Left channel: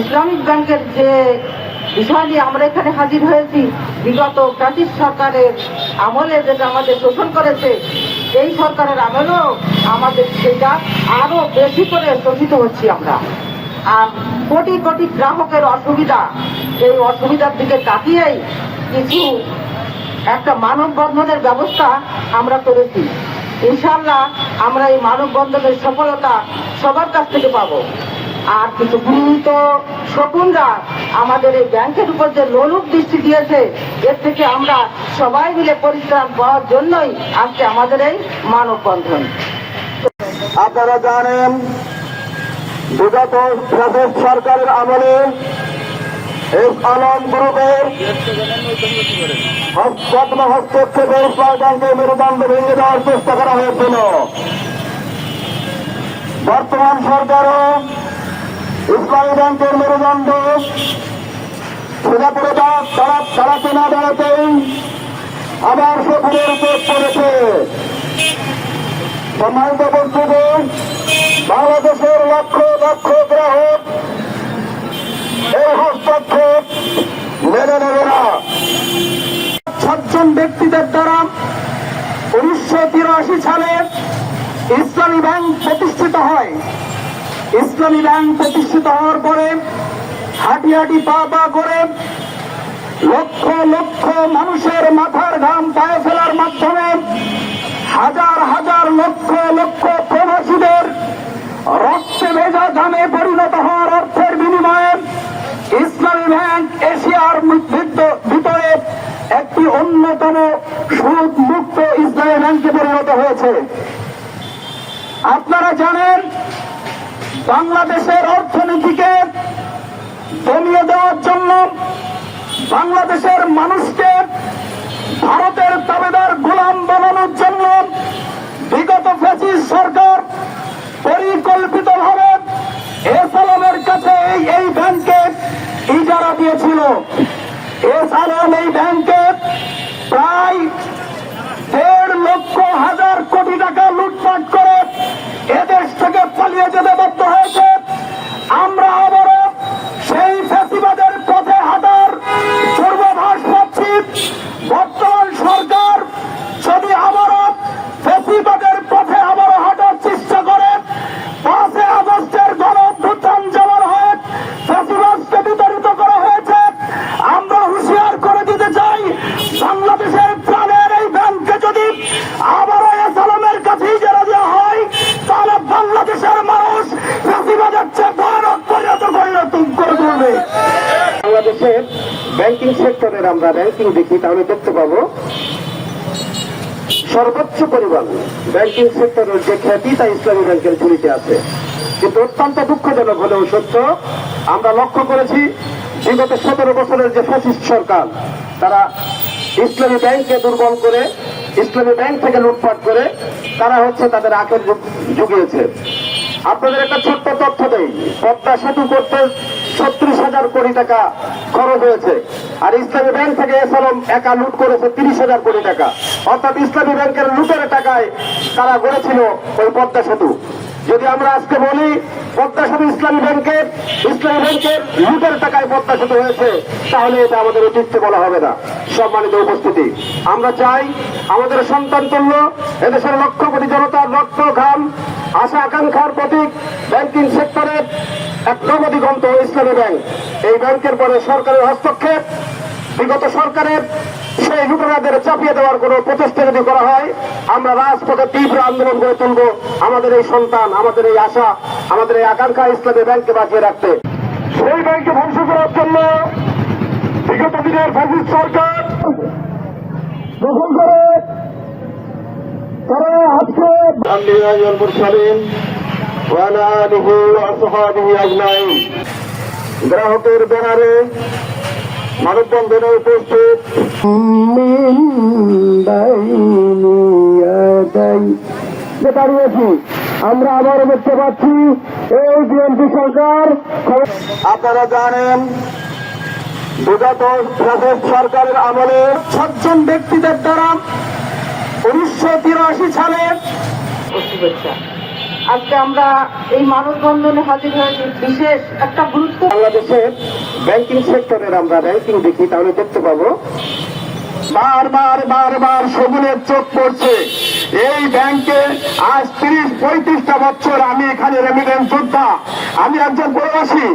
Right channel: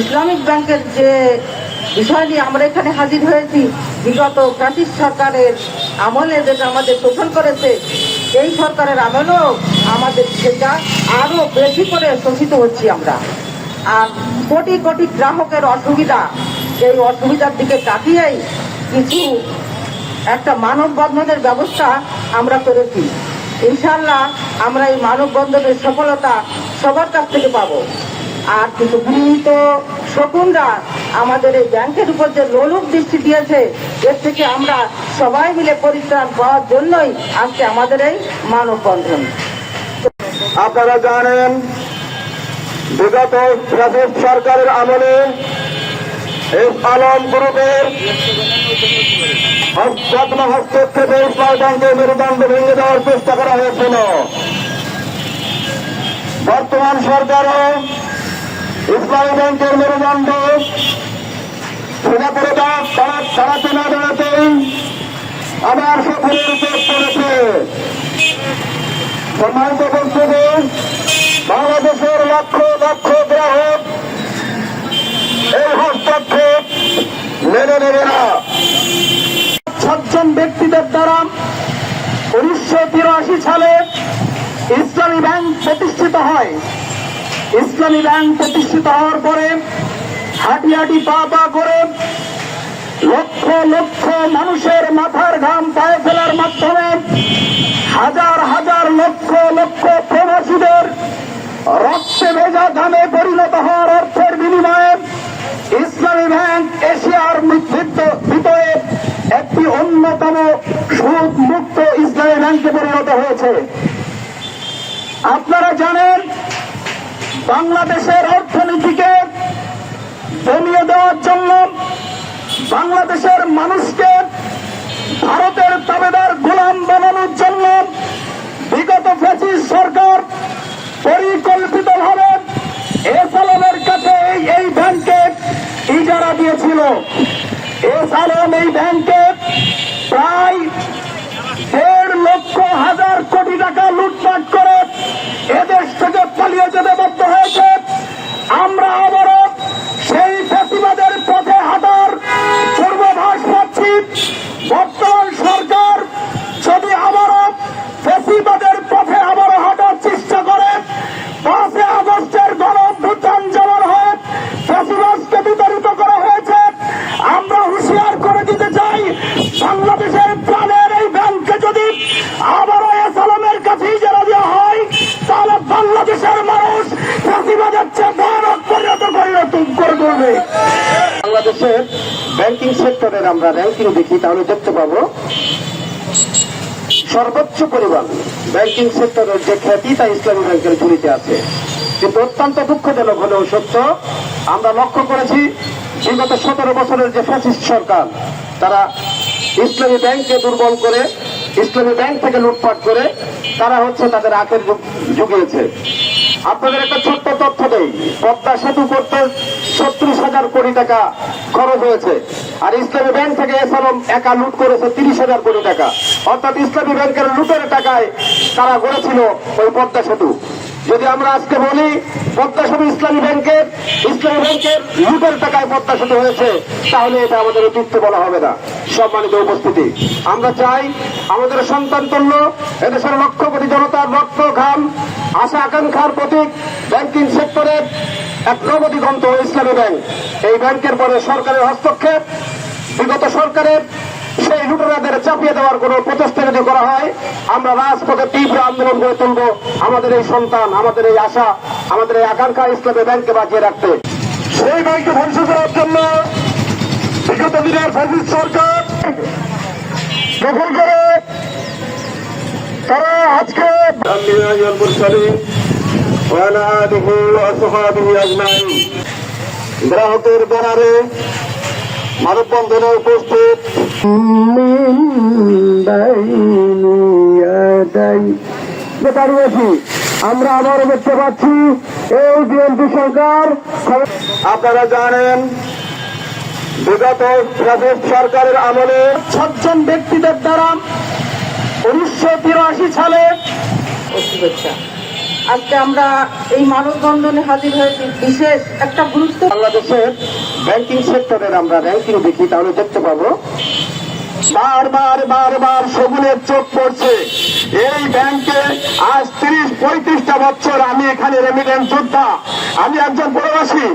Islamic ব্যাংকের যে বিষয় নিয়ে আমরা এখানে হাজির হয়েছি, বিগত ব্রিটিশ সরকারের আমলে যেটা আমাদের শোষণ করেছে, এই সরকারের আমলেও আমাদের সেটা আরো বেশি করে শোষিত হচ্ছি আমরা। আর কোটি কোটি গ্রাহকের অসুবিধা, এই অসুবিধার দিকে তাকিয়েই কিছু একটা মানববন্ধনের ব্যবস্থা আমরা করেছি। ইনশাল্লাহ আমরা এই মানববন্ধনের সফলতা সবার কাছ থেকে পাবো। আর কিছু গৃহীত শকুনরা আমাদের এই ব্যাংকের উপর যে লোলুপ দৃষ্টি দিয়েছে, এর থেকে আমরা সবাই মিলে পরিত্রাণ পাওয়ার জন্যই আজকে আমাদের এই মানববন্ধন। আপনারা জানেন বিগত সরকারের আমলে এই আলম গ্রুপের হস্তক্ষেপে ইসলামী ব্যাংকের মেরুদণ্ড ভেঙে দেওয়ার চেষ্টা করা হয়েছিল। বর্তমান সরকারও ইসলামী ব্যাংকের মেরুদণ্ড সোজাপুরে দাঁড়াতে না দাঁড়াতেই আবার সফরের উপর পড়েছে। সম্মানিত উপস্থিতি, বাংলাদেশের লক্ষ লক্ষ গ্রাহক এই হস্তক্ষেপ মেনে নেবে না। 6 জন ব্যক্তিদের দ্বারা 1983 সালে ইসলামী ব্যাংক প্রতিষ্ঠিত হয়। ইসলামী ব্যাংক প্রতিষ্ঠিত হওয়ার পরে হাঁটি হাঁটি পা পা করে লক্ষ লক্ষ মানুষের মাথার ঘাম পায়ে ফেলার মাধ্যমে হাজার হাজার লক্ষ লক্ষ প্রবাসীদের রক্তে ভেজা ঘামে পরিণত হওয়ার অর্থের বিনিময়ে ইসলামী ব্যাংক এশিয়ার ভিতরে একটি অন্যতম সুদ মুক্ত ইসলামী ব্যাংকে পরিণত হয়েছে। আপনারা জানেন, বাংলাদেশের অর্থনীতিকে দমিয়ে দেওয়ার জন্য, বাংলাদেশের মানুষকে ভারতের তাবেদার গোলাম বানানোর জন্য বিগত ফ্যাসিস্ট সরকার পরিকল্পিতভাবে এসালামের কাছে এই ব্যাংকে ইজারা দিয়েছিল। এসালাম এই ব্যাংকে প্রায় 1.5 লক্ষ হাজার কোটি টাকা লুটপাট করে এদেশ থেকে পালিয়ে যেতে বাধ্য হয়েছে। আমরা আবারও সেই ফ্যাসিবাদের পথে হাঁটার পূর্বাভাস পাচ্ছি। বর্তমান সরকার যদি আবারও ফ্যাসিবাদের পথে আবারও হাঁটার চেষ্টা করে, 5 আগস্টের গণঅভ্যুত্থান যেমন হয়ে ফ্যাসিবাদকে বিতাড়িত করা হয়েছে, আমরা হুঁশিয়ার করে দিতে চাই, বাংলাদেশের প্রাণের এই ব্যাংকে যদি আবারও এসালামের কাছে ইজারা দেওয়া হয়, তাহলে বাংলাদেশের মানুষ ফ্যাসিবাদের চেয়ে ভয়ানক পরিণত করবে। বাংলাদেশের ব্যাংকিং সেক্টরের আমরা র্যাঙ্কিং দেখি, তাহলে দেখতে পাবো সর্বোচ্চ পরিমাণ ব্যাংকিং সেক্টরের যে খ্যাতি তা ইসলামী ব্যাংকের ঝুলিতে আছে। কিন্তু অত্যন্ত দুঃখজনক হলেও সত্য, আমরা লক্ষ্য করেছি বিগত 17 বছরের যে ফ্যাসিস্ট সরকার, তারা ইসলামী ব্যাংককে দুর্বল করে, ইসলামী ব্যাংক থেকে লুটপাট করে তারা তাদের আখের জুগিয়েছে। আপনাদের একটা ছোট্ট তথ্য দেই, পদ্মা সেতু করতে 37,000 কোটি টাকা খরচ হয়েছে, আর ইসলামী ব্যাংক থেকে এসালাম একা লুট করেছে 30,000 কোটি টাকা। অর্থাৎ ইসলামী ব্যাংকের লুটের টাকায় তারা গড়েছিল ওই পদ্মা সেতু। যদি আমরা আজকে বলি পদ্মা সেতু ইসলামী ব্যাংকের লুটের টাকায় পদ্মা সেতু হয়েছে, তাহলে এটা আমাদের অতীত বলা হবে না। সম্মানিত উপস্থিতি, আমরা চাই আমাদের সন্তান তুল্য এদেশের লক্ষ কোটি জনতার রক্ত ঘাম আশা আকাঙ্ক্ষার প্রতীক ব্যাংকিং সেক্টরের এক নবদিগন্ত ইসলামী ব্যাংক। এই ব্যাংকের পরে সরকারের হস্তক্ষেপ, বিগত সরকারের সেই লুটেরাদের চাপিয়ে দেওয়ার কোন প্রচেষ্টা যদি করা হয়, আমরা রাজপথে তীব্র আন্দোলন গড়ে তুলব আমাদের এই সন্তান, আমাদের এই আশা, আমাদের এই আকাঙ্ক্ষা ইসলামী ব্যাংককে বাঁচিয়ে রাখতে। সেই ব্যাংককে ধ্বংস করার জন্য বিগত দিনের ফ্যাসিস্ট সরকার দখল করে তারা আজকে গ্রাহকের ব্যানারে মানববন্ধনে উপস্থিত দাঁড়িয়েছি। আমরা আবারও দেখতে পাচ্ছি এই বিএনপি সরকার। আপনারা জানেন বিগত সরকারের আমলে 6 জন ব্যক্তিদের দ্বারা 1983 সালে আজকে আমরা এই মানববন্ধনে হাজির হয়েছি বিশেষ একটা গুরুত্ব। বাংলাদেশের ব্যাংকিং সেক্টরের আমরা র্যাঙ্কিং দেখি, তাহলে দেখতে পাবো বারবার সেগুনের চোখ পড়ছে। এই ব্যাংকে আজ 30-35টা বছর আমি এখানে রেমিটেন্স যোদ্ধা, আমি একজন প্রবাসী।